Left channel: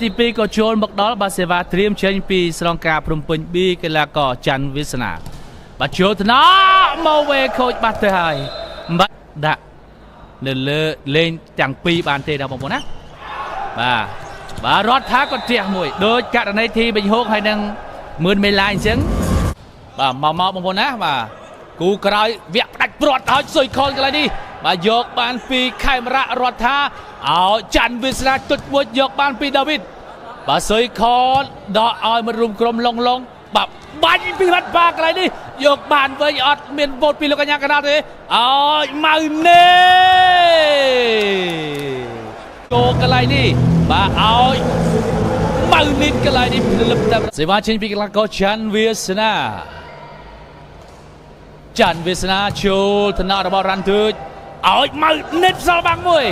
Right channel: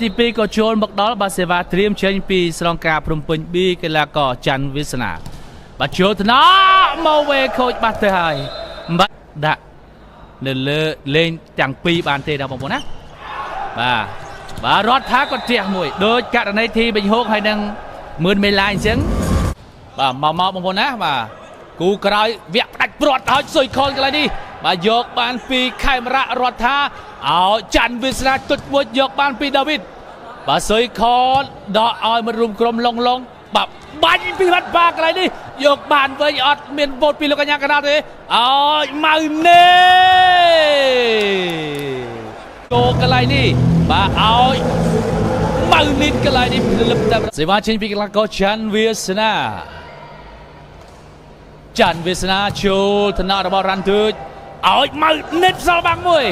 ទី2ក៏ចូលមកដល់បាទសេវាត្រៀមចេញពីស្រងការព្រំពេញ B កីឡាករច័ន្ទវាសនាបាទចូលទៅណាមកវេខូចបាត់ទៅហើយបាទដាក់នៅលើលេងទាំងពីរបានទេដល់បងប្អូនណាបាទរត់ថាក៏ទះមួយដូចករណីធីបិញហូកហើយនឹងមឿនមេឡាយអញ្ចឹងបាទមកបងប្អូនណាបាទគូក្រោយវាក់ផ្ដាច់ព្រាត់ឲ្យសុយខលកន្លែងនេះបាទយកបានពីខេមរៈរត់ថាឲ្យច័ន្ទវាសនាទុចមួយយកបានពីដាវីតបាទសុយខលដកឲ្យមករួមក្រុមលងបាទបាញ់ពីបាត់ប៉ាកន្លែងនេះយកបានវិញអត់មានពោតពីលោកកញ្ញាកណ្ដាលទេឲ្យម៉ៅណេចូលកន្លែងនេះបាទឲ្យម៉ៅនេះកន្លែងនេះលឹបតាមសេវាចេញពីកីឡាករច័ន្ទវាសនាចូលឋានៈរបស់រ៉ាន់ទើចឲ្យម៉ៅនេះផ្សល់បាំងមួយ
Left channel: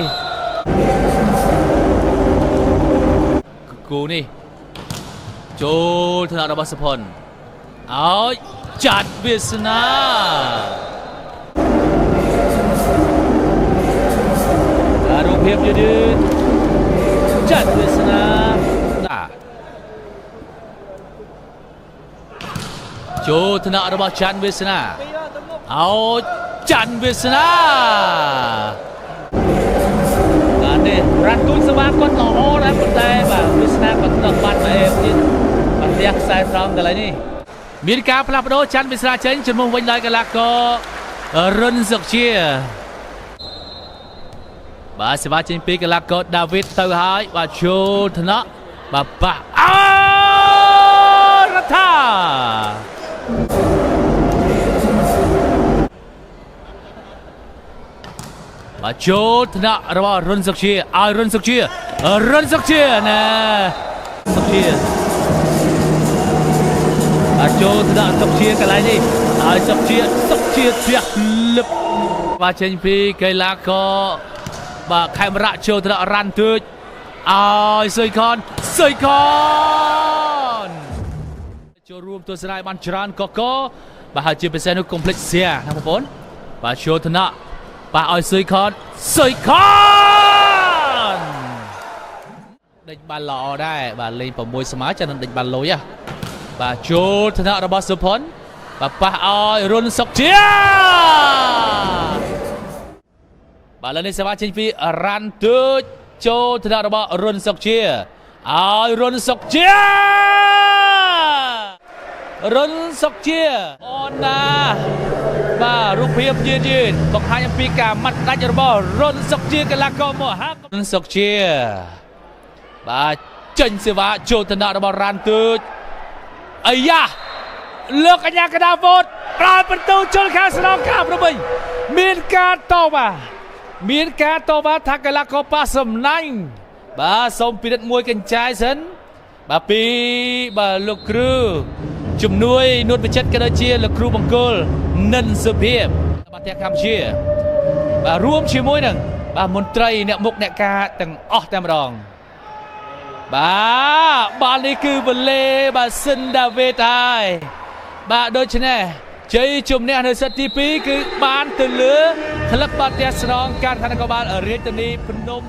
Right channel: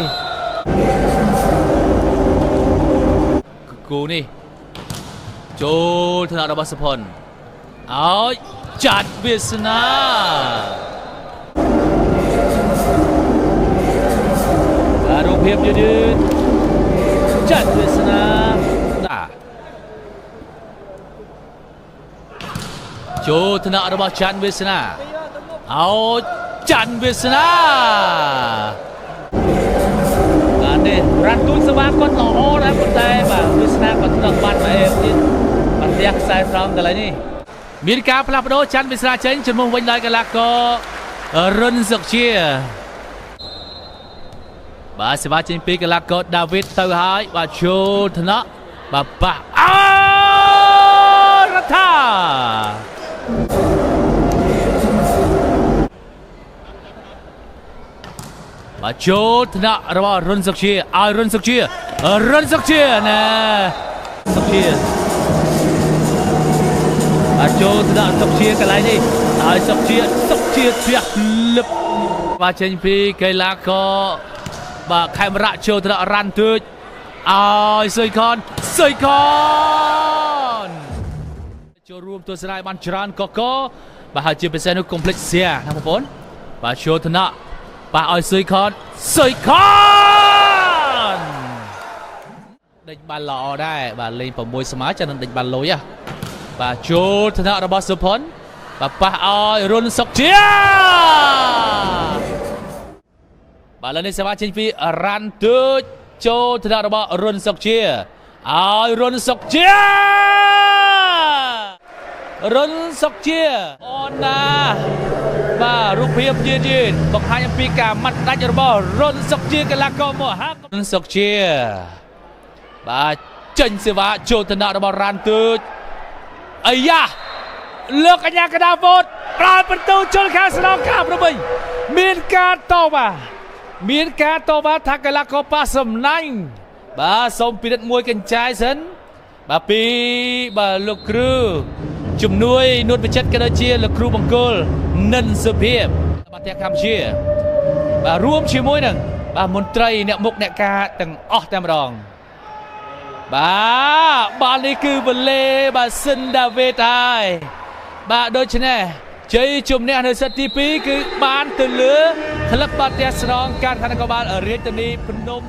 គូនេះចូលឋានៈរបស់សុផុនឲ្យច័ន្ទវាសនារូបភាពយឺតច័ន្ទវាសនាចូលឋានៈរបស់ច័ន្ទវាសនាឲ្យច័ន្ទវាសនាបាននេះរ៉ាត់គូសវ៉ាគាត់ល្អដែរប៉ុន្តែបាទវាសនាគាត់ទឹកបាត់ទៅទៀតបានរះខ្សែត្រង់កន្លែងនេះមានការផ្លាស់ប្ដូរច័ន្ទវាសនាចេញជាមួយវិញដោយកីឡាកររុនសុកជាបាទសេវាចេញពីកីឡាករដាវីតទៅហើយបាទចូលឋានៈបាទប៉ះរដ្ឋាបាទចូលឋានៈរបស់រុនសុកជាឲ្យរុនសុកជាណាសុកជាបាទចូលឋានៈសុកជាកន្លែងនេះឲ្យសុកជាធ្លាក់លឹបបាទចេញពីកីឡាករបាទខេមរៈចូលឋានៈរ៉ាន់ទើចឲ្យសុយខនចូលរួមទស្សនាបានច្រើនកកបាទហើយជាពិសេសនោះកុំភ្លេចសៀណាបងប្អូនបាទចូលឋានៈបាទឲ្យសុយខនដេញបានល្អដែរបាទលេង6ស្មើចាំនឹងដេញបានលុយបាទចូលឋានៈរបស់សុផុនបាទប៉ះឲ្យរុនសុកជាបាទលើនេះសេវាចេញពីរ៉ាន់ទើចចូលឋានៈរបស់រុនសុកជាឲ្យរុនសុកជាអូនណាបាទរូបភាពយឺតបង្ហាញអំពីការម៉ាត់ដាច់របស់រុនសុកជាកីឡាករមហារុនសុកជាបាទចេញសេវាចូលឋានៈរបស់រ៉ាន់ទើចអាយ៉ាលោកកញ្ញាកណ្ដាលវត្តប្រើពិន្ទុជលខាងស្នងការប្រវិញមានការតវ៉ាថាកីឡាករប៉ះសំណាញ់បាទសូមពិនិត្យមួយកញ្ចាយសិនបាទពីបាទលោកគ្រូជំនួយនុតវិចិត្រក៏ដូចជាលោកគ្រូបង្គោលនិនសុភាពបាទទាំងកម្ពុជាបាទរួមជាមួយនឹងបាទមន្ត្រីអ្នកមុខអ្នកការទាំងអស់តែម្ដងបាទបាល់នេះគឺវ៉ូឡេបាទស៊ិនដាវីតហើយបាទដូច្នេះជ័យជំនះនៅសេតទី2គឺបានទៅលើក្លឹបបាល់ទះស្នងការឋាននគរបាលរាជធានីភ្នំ